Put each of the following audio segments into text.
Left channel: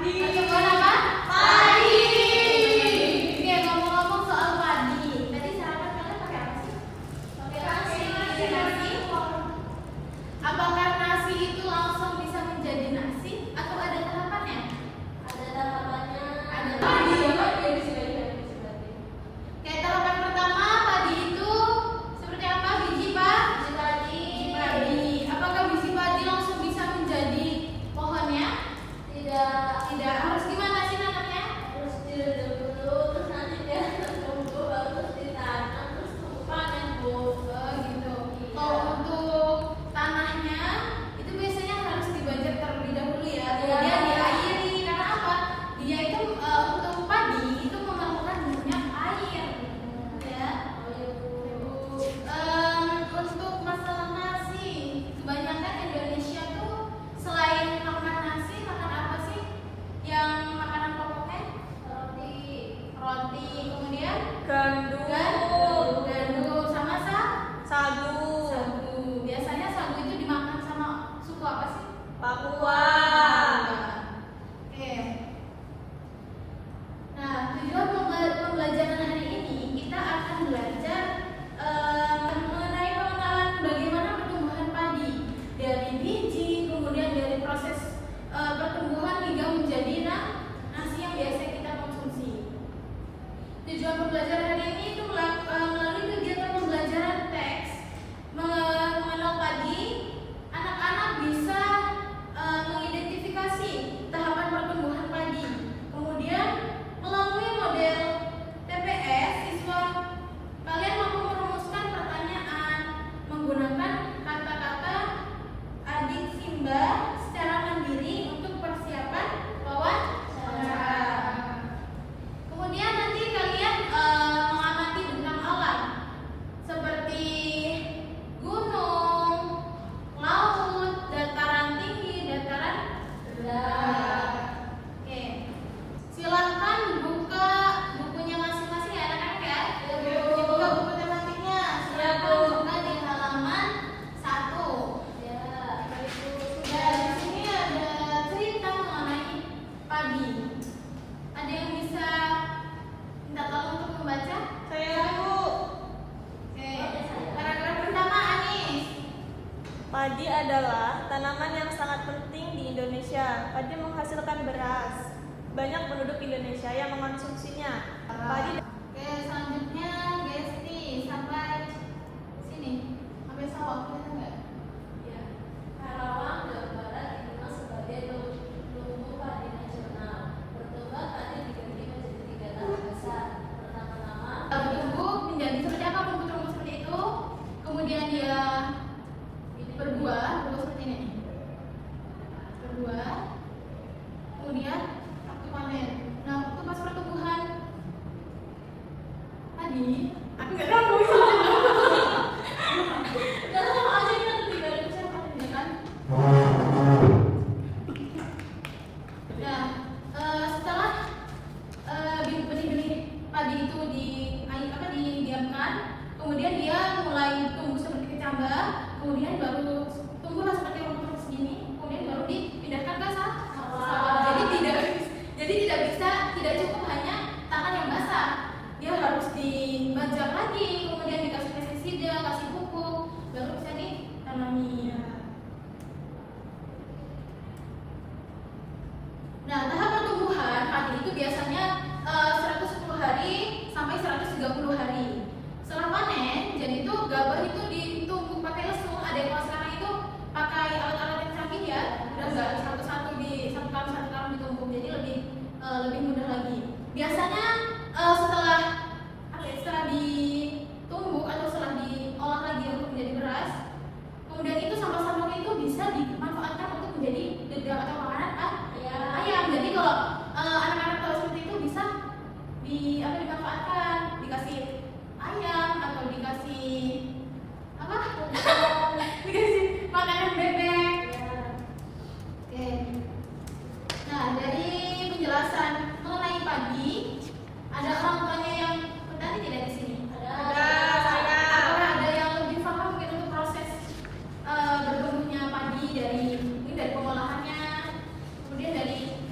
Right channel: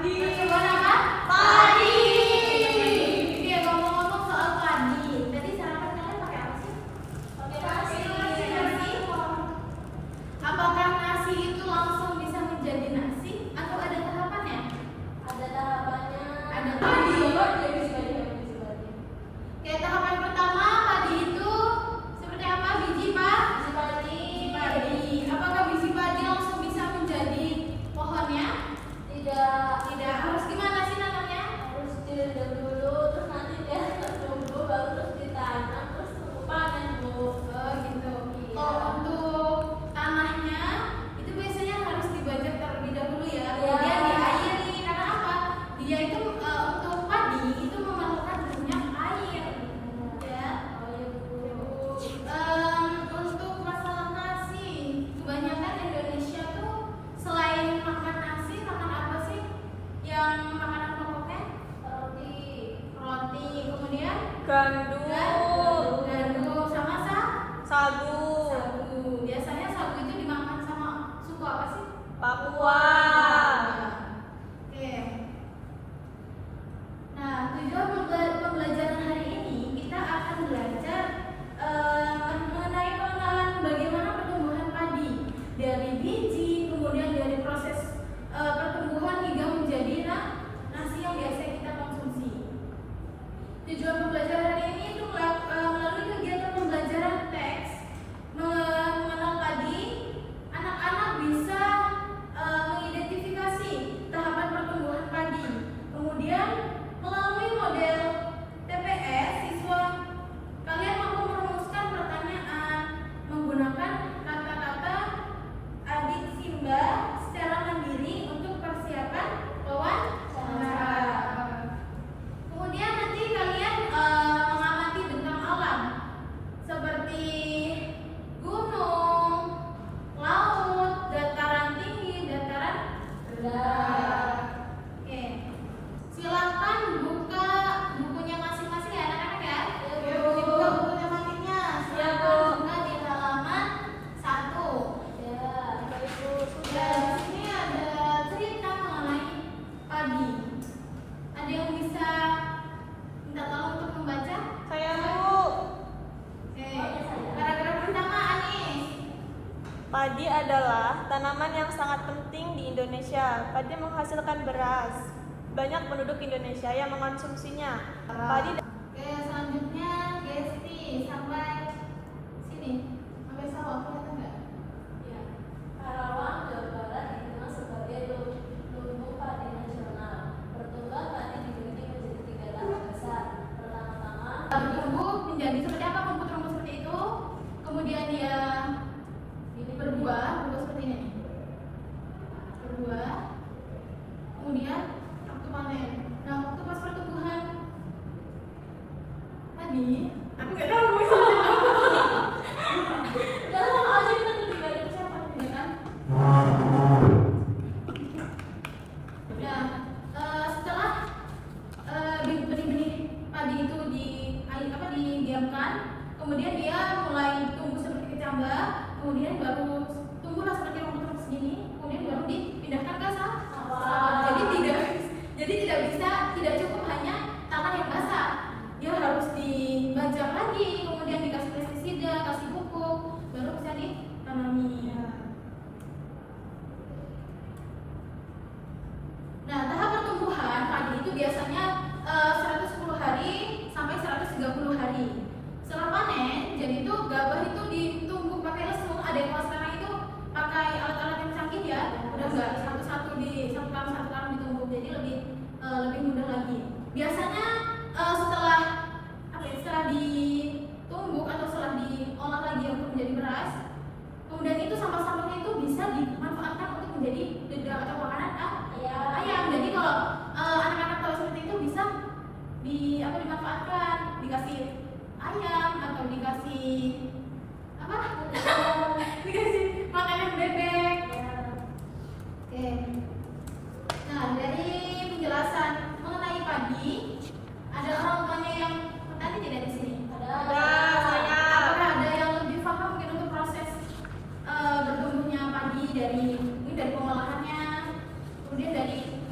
Pertumbuhan apa? Padi. Oke, ngomong-ngomong soal padi, tadi sarapan kalian pakai apa sih? Pakai nasi. Apakah nasi itu langsung bisa menjadi nasi atau ada tahapannya? Ada tahapannya. Ada padi. Oke, tahapan pertama padi itu seperti apa? Biji padi. Apakah biji padi langsung bisa menjadi pohonnya? Tidak. Harus gimana sih nanamnya? Harus direndam dulu, terus nanti dia tumbuh, baru terus ditanam, terus tumbuh panen, Bu. Oh gitu. Kalau untuk tanahnya itu biasanya harus dibajak terlebih dahulu ya. Kemudian diairi. Karena apa? Dia itu untuk padi itu memerlukan banyak air. Ya. Untuk masalah nasi, kebanyakan Indonesia tuh selain makan nasi, makan apa sih? Yang makanan pokoknya? Roti. Kemudian gandum sama sagu. Biasanya sagu itu dimakan sama suku apa sih? Papua. Oke. Nah, tujuan pembelajaran hari ini kita akan belajar mengenai pengenalan bagaimana pertumbuhan padi dari biji, kemudian dari proses pertumbuhan hingga menjadi nasi yang biasa kita konsumsi. Tujuan pembelajaran hari ini itu melalui kegiatan pembelajaran teks mengenal padi, anak-anak bisa mengidentifikasi tahapan pertumbuhan padi. Kemudian melalui model TPS, siswa kalian mampu merumuskan pertanyaan menggunakan kata-kata adik Simba secara mandiri untuk persiapan wawancara. Kemudian nanti kalian mengamati bentang alam seperti gunung, laut, dataran tinggi, dataran rendah. Oke, silahkan buka bukunya masing-masing ya anak-anak ya. Dibuka buku tematiknya. Silahkan buka di halaman 1. Ya, di sini ada cerita mengenai padi. Ada yang bisa minta tolong untuk membaca? Saya, Bu. Oke, paragraf pertama Anis. Padi adalah tanaman yang sangat penting di Indonesia. Padi menghasilkan beras. Banyak penduduk Indonesia yang mengonsumsinya. Padi Oke, selanjutnya Gesti sampai sini. Sampai sawah kelihatan nggak? Ya. Karawang, Jawa Barat dikenal sebagai lumbung padi nasional. Pertumbuhan padi dibagi menjadi 3 tahap besar. Pertama-tama, Bertumbuh menjadi seperti apa rumput-rumput seperti itu. Kemudian dia berbuah seperti ini. Berbuah. Kemudian waktu panen. Nah, waktu pas pertumbuhan tadi, aku nggak tahu dalam aja kita lebih dari siapa? ya kan? Nah, setelah benih-benih padi itu didiamkan, kemudian dia mulai tumbuh seperti kecambah, kemudian baru tumbuhlah seperti rumput segini, kemudian baru dipindahkan ke sawah. Tidak cukup hanya tanah yang basah, dia harus dibajak lagi, kemudian dikasih pestisida, kasih pupuk, baru bisa ditanami. Nah, tahap pertumbuhan padi itu biasanya 110 hari sampai 130 hari. Setelah panen, jadi itu gabah itu ditumbuk pakai lesung. Ada yang kalau sekarang itu pakai alat-alat yang canggih ya, udah nggak satu-satu satu karung ditumbuk, jadi lebih mudah lagi. Biasanya setelah ditumbuk atau setelah diolah lagi untuk menjadi beras, kemudian itu sampah-sampahnya itu bisa dimanfaatkan untuk menjadi dedam atau makanan ayam. Jadi kalau anak-anak tahu seperti itu bisa dimanfaatkan, dikasih ayam atau dikasih apa? Dikasih makanan bebek. Oke. Nah, dari penjelasan mengenai padi, ada orang tuanya yang bertanya tidak di sini? Ada. Apakah ada yang lebih paham mungkin untuk proses bertumbuhnya padi dari pengolahannya, kemudian dari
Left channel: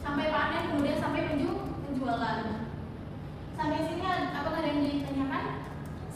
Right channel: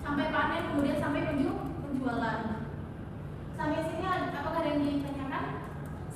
sampai panen, kemudian sampai penjualan. Sampai sini apakah ada yang ditanyakan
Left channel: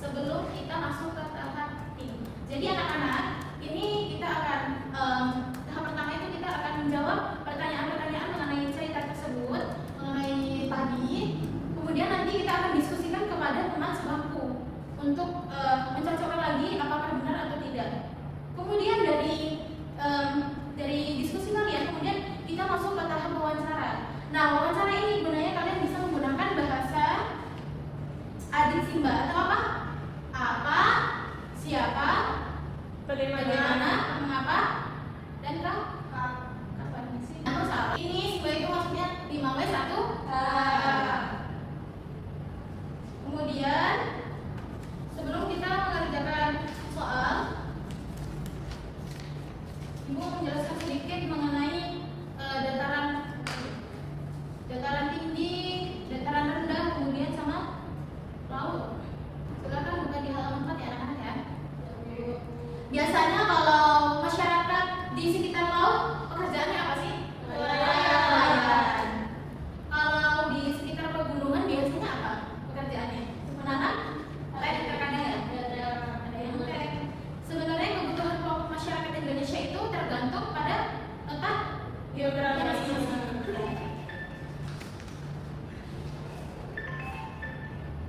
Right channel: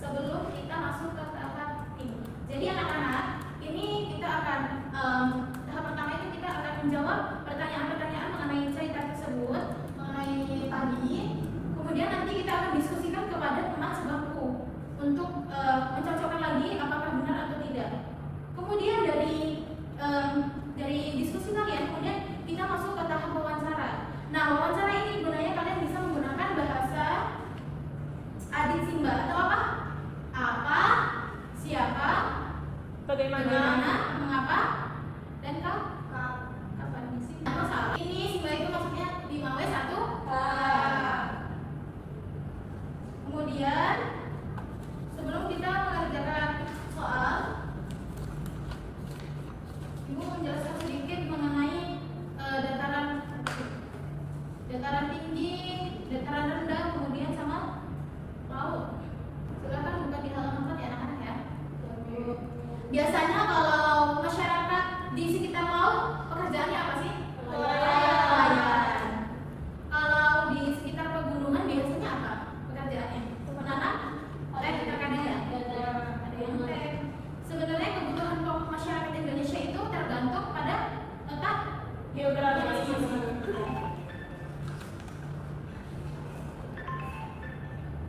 sebelum kita masuk ke tahap ini? Jadi anak-anak, ini kita akan tahap pertama itu kita akan menjawab pertanyaan-pertanyaan mengenai cerita tersebut, mengenai padi. Kemudian nanti kita akan diskusikan kepada teman sebangku untuk mencocokkan lagi apakah benar atau tidak. Kemudian dari diskusi kalian, kemudian kita masuk ke tahap wawancara. Nah, wawancara ini gunanya kalian bisa menggunakan bahasa adik Simba atau apa? Apa, siapa, bagaimana, mengapa, dan kapan di sini? Ini Simba itu maksudnya 5W1. Kemudian sebelum kita mengerjakan soal, Ibu menjelaskan sedikit mengenai dataran tinggi, dataran rendah, kemudian sama laut. Silakan buka di halaman 4 ya anak-anak ya. Biasanya kalau masyarakat di sekitar laut pekerjaannya apa sih? Nelayan. Kalau di sekitar pegunungan biasanya apa pekerjaannya? Menanam? Terkadang ya? Ada yang tek. Sebenarnya kebutuhan pokok masyarakat Indonesia itu tergantung pada letak geografis.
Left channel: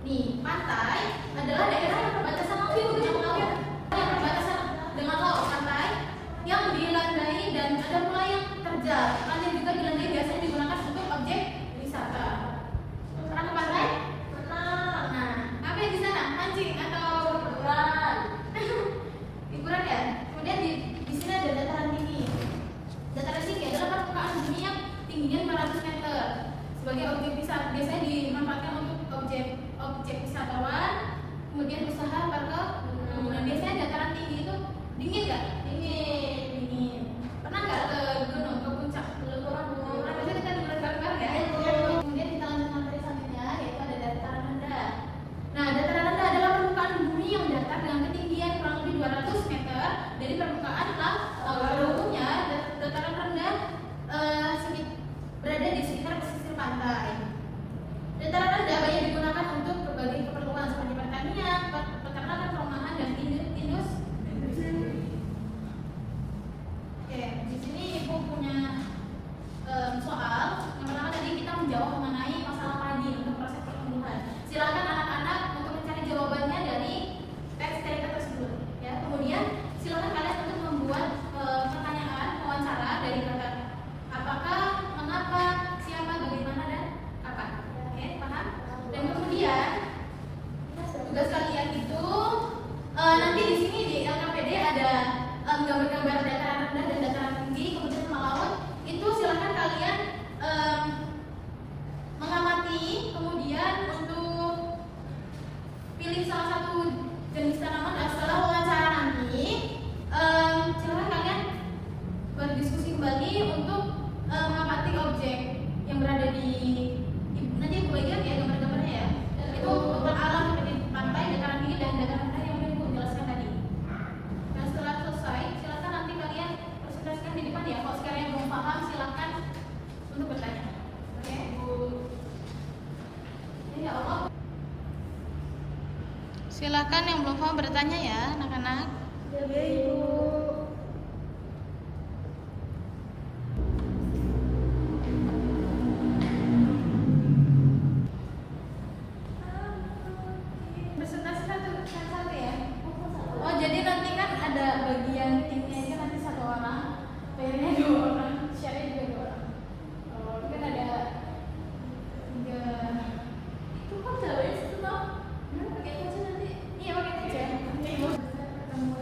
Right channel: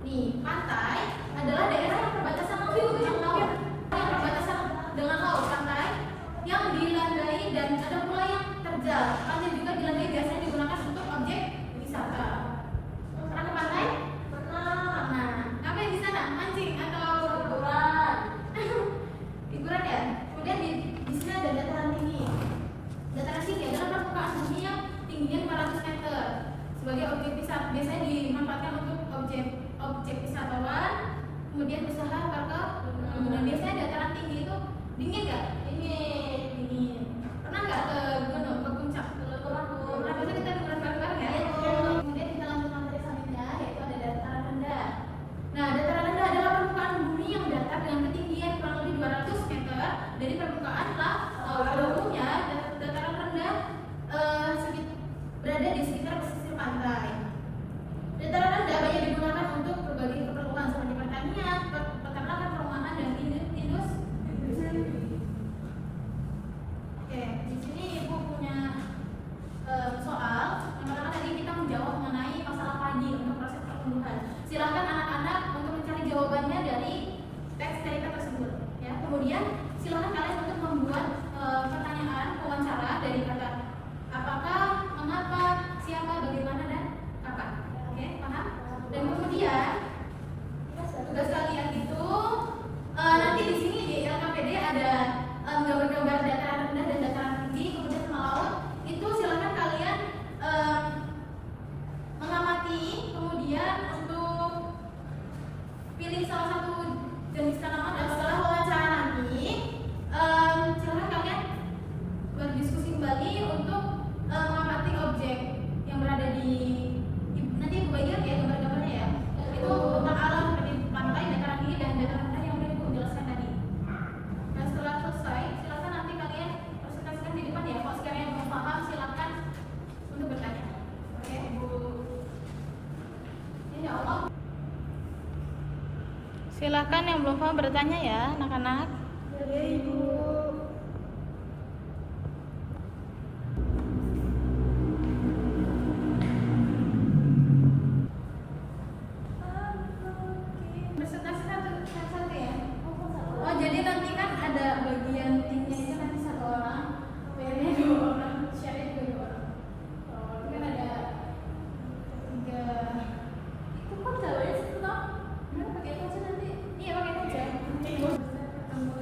Nih, pantai adalah daerah yang berbatasan dengan laut. Pantai yang dilandai dan ada pula yang terjal. Pantai juga dilandai biasanya digunakan untuk objek wisata. Pernah ke pantai? Pernah. Nah, ngapain di sana? Mancing atau liburan? Liburan ya. Kemudian di sini ada dataran tinggi. Dataran tinggi adalah permukaan bumi yang tingginya 500 meter. Sebagai objek wisata biasanya dimanfaatkan untuk objek wisatawan, kemudian usaha perkebunan. Biasanya dataran tinggi itu dingin nggak? Dingin. Pernah nggak ke gunung, ke puncak? Pernah. Bisa kita liburan bareng-bareng ya? Kemudian kita lanjut materi selanjutnya, yaitu ada dataran rendah. Nah, dataran rendah adalah permukaan bumi yang datar dengan ketinggian kurang lebih 200 meter dari permukaan laut. Pada umumnya dataran rendah berada di sekitar pesisir pantai. Dataran rendah banyak digunakan untuk berbagai keperluan seperti pertanian, peternakan, perumahan, dan industri. Oke, di sini Ibu punya soal. Yang pertama tadi kita menjawab mengenai masalah padi untuk proses pertumbuhan. Silakan anak-anak untuk mencari jawabannya dari teks cerita tersebut. Ya, kemudian silakan kalian untuk membuat pertanyaan wawancara dari kata apakah, mengapa, siapa, bagaimana, dan kapan. Oke, paham? Dan kemudian tugas kalian itu nanti di sini di LKPD ada gambar-gambar dataran rendah dan dataran tinggi, kemudian sama laut. Itu silakan kalian mengamati, kemudian untuk pilih salah satu jenis tanaman dan setelah wawancara nanti silakan kalian berdiskusi kembali untuk mengamati objek yang berada di nanti Ibu bagian ya gambar-gambarnya ya. Itu tentang alam seperti pantai, dataran tinggi, dan dataran rendah yang udah Ibu jelaskan tadi. Dan setelah selesai, silakan nanti kalian presentasikan di depan ya. Kalau sekalian belum paham, silakan untuk bertanya. Oke, Ibu. Ya Allah. Silakan yang belum paham bertanya ya, anak-anak. Ya, Ibu. Presentasi satu ya. Oh, jadi nanti kan ada bagian timnya itu nanti satu orang, PR-nya 2 orang, share-nya juga 2 orang. Mungkin ada 3. Itu kan gambarnya satu toh? Pakai itu aja nanti. Iya, pakai itu aja. Pertemuan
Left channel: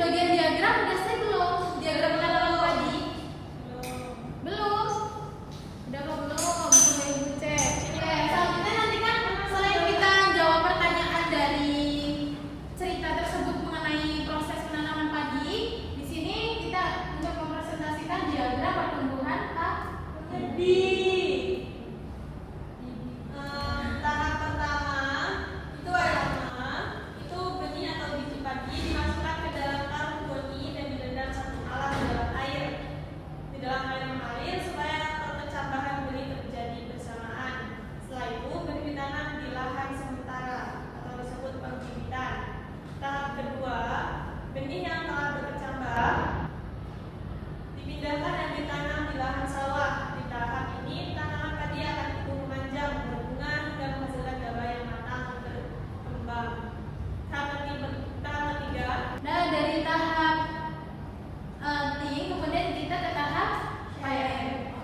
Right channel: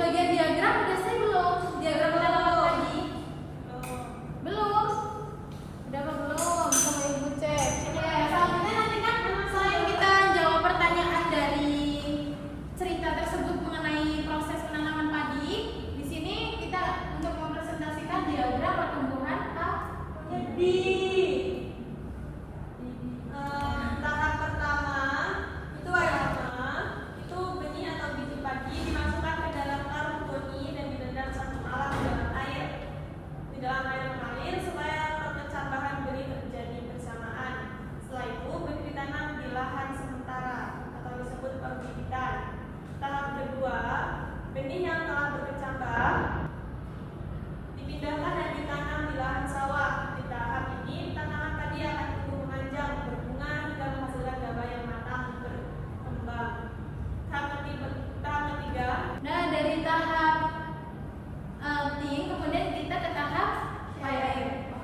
bagian diagram udah selesai belum? Diagram tanaman padi? Belum. Udah apa belum? Sama ibu cek. Oke, selanjutnya nanti kan selain kita jawab pertanyaan dari cerita tersebut mengenai proses penanaman padi, di sini kita untuk mempresentasikan diagram pertumbuhan padi. Tahap pertama itu itu benih atau biji padi dimasukkan ke dalam karung goni dan direndam 1 malam di dalam air mengalir supaya pemecah bahan benih terjadi bersamaan. Setelah itu benih ditanam di lahan sementara atau disebut pembibitan. Tahap kedua, benih yang telah berkecambah dipindahkan dan ditanam di lahan sawah. Di tahap ini tanaman padi akan tumbuh memanjang, berbunga hingga menghasilkan gabah yang matang berkembang. Tahap ketiga. Nah, dari tahap kemudian kita ke tahap pair.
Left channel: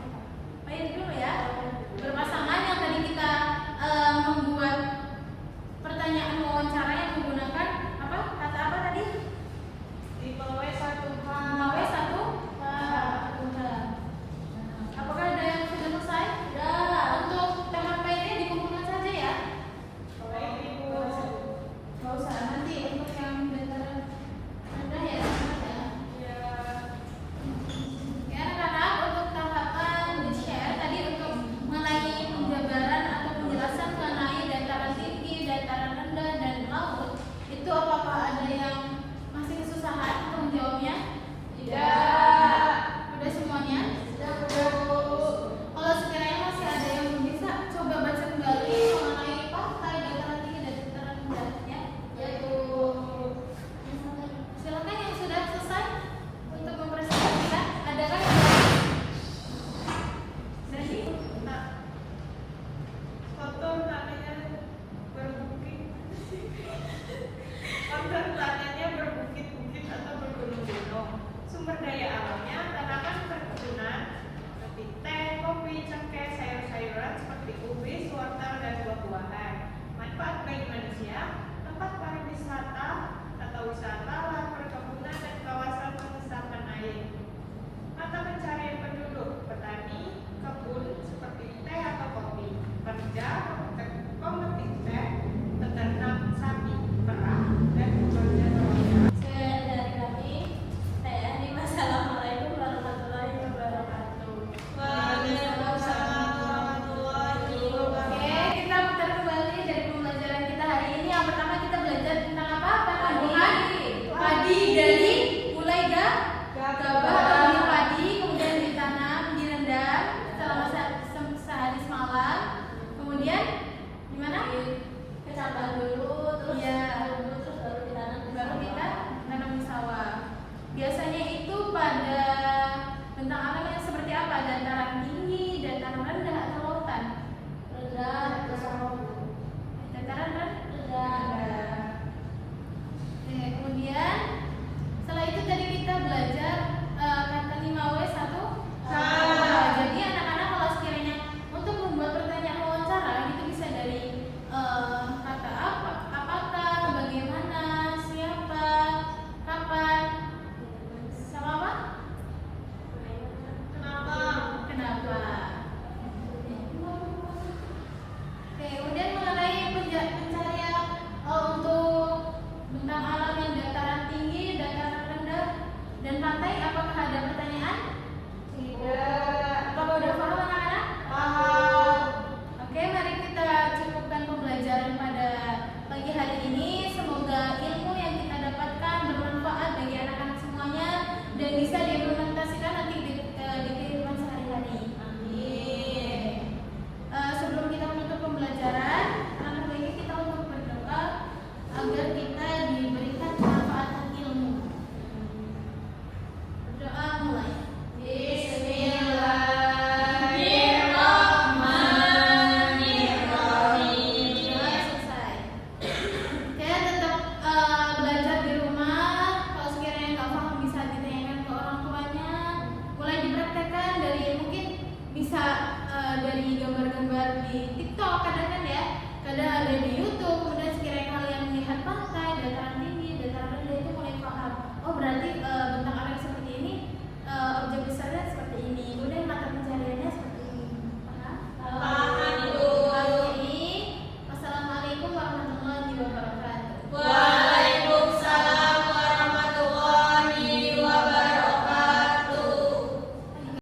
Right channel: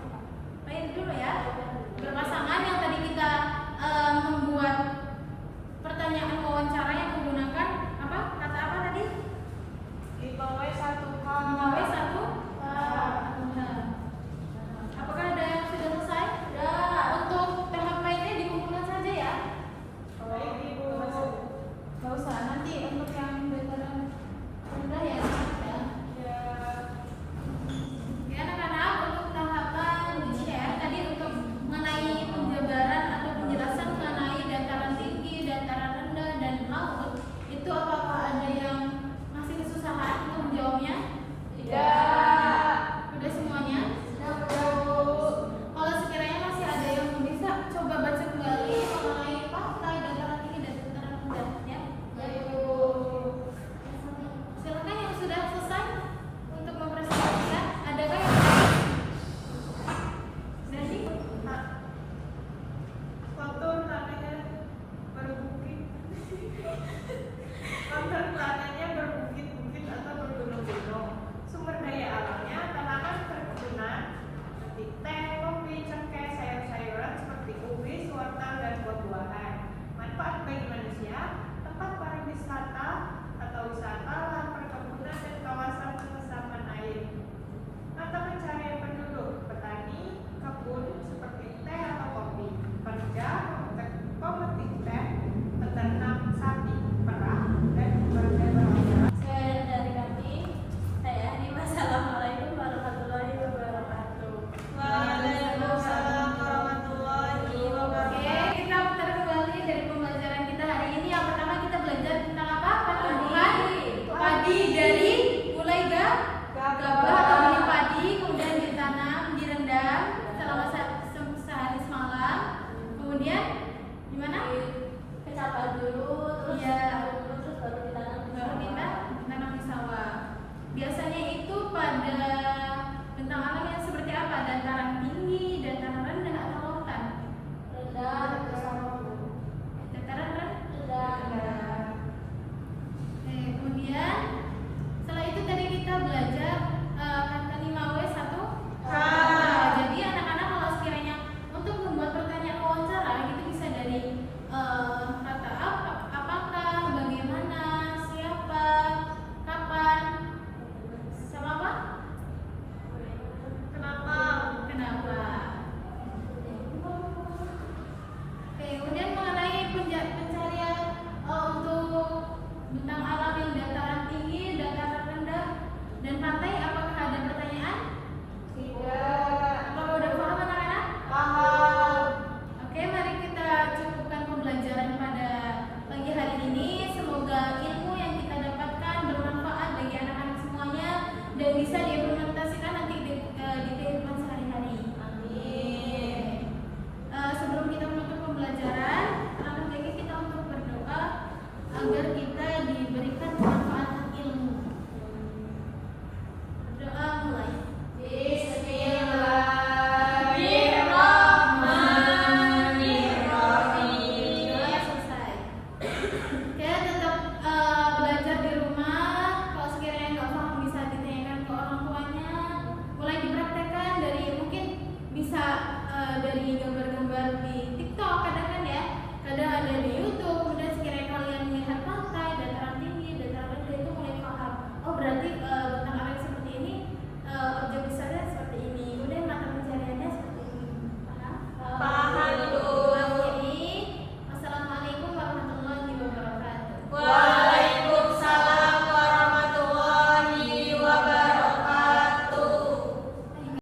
Pair dulu ya. Berpasangan yang tadi kita membuat pertanyaan wawancara yang menggunakan apa? Kata apa tadi? 5W1H. 5W1H. Apakah ada yang sudah selesai? Ya. Untuk tahap pairnya dikumpulkan saja ya. Baik, Ibu. Nggak usah, nanti untuk yang dataran rendah ya. Ya. Ya anak-anak, untuk tahapan di-share tadi untuk mengenai penjabaran atau penjelasan mengenai dataran tinggi, dataran rendah, dan laut, itu apakah ada yang masih kesusahan untuk menjawabnya? Tidak. Udah semuanya? Kalau sekiranya masih ada yang belum bisa, coba baca kembali mengenai fakta dataran tinggi dan dataran rendah ya. Silakan yang sudah selesai untuk mempresentasikan. Adakah yang belum? Jadi, Pak. Kontur tanahnya berbukit. Kontur tanahnya berbukit-bukit atau bergunung-gunung. Sumber daya alamnya tanaman perkebunan seperti teh, kopi, cengkeh, sayur-sayuran seperti ubi, wortel, dan buah-buahan. Manfaat bagi manusia, tempat pariwisata atau wisata, lahan perkebunan, dan kawasan pengesapan air. Mata pencarian penduduk, petani, kebun seperti teh atau kopi, pekerja, pemetik teh, peternak sapi, perah, dan pekerja nelayan. Sekian dari kami. Saya Ani. Wassalamualaikum warahmatullahi wabarakatuh. Waalaikumsalam warahmatullahi wabarakatuh. Oke, kita putar kembali dari pembelajaran kita hari ini. Yang pertama kita belajar tentang apa? Pertumbuhan padi dari mulai gabah atau benih padi, kemudian ditanam, direndam selama sehari semalam. Kemudian gimana? Kecambah dulu, terus Iya. terus baru ditanam. Baru kita tanam di sawah. Biasanya itu pada bentang alam yang seperti apa? Dataran tinggi, dataran rendah, atau lautan? Rendah, Dataran rendah. rendah. Oke, kemudian setelah itu tadi kita belajar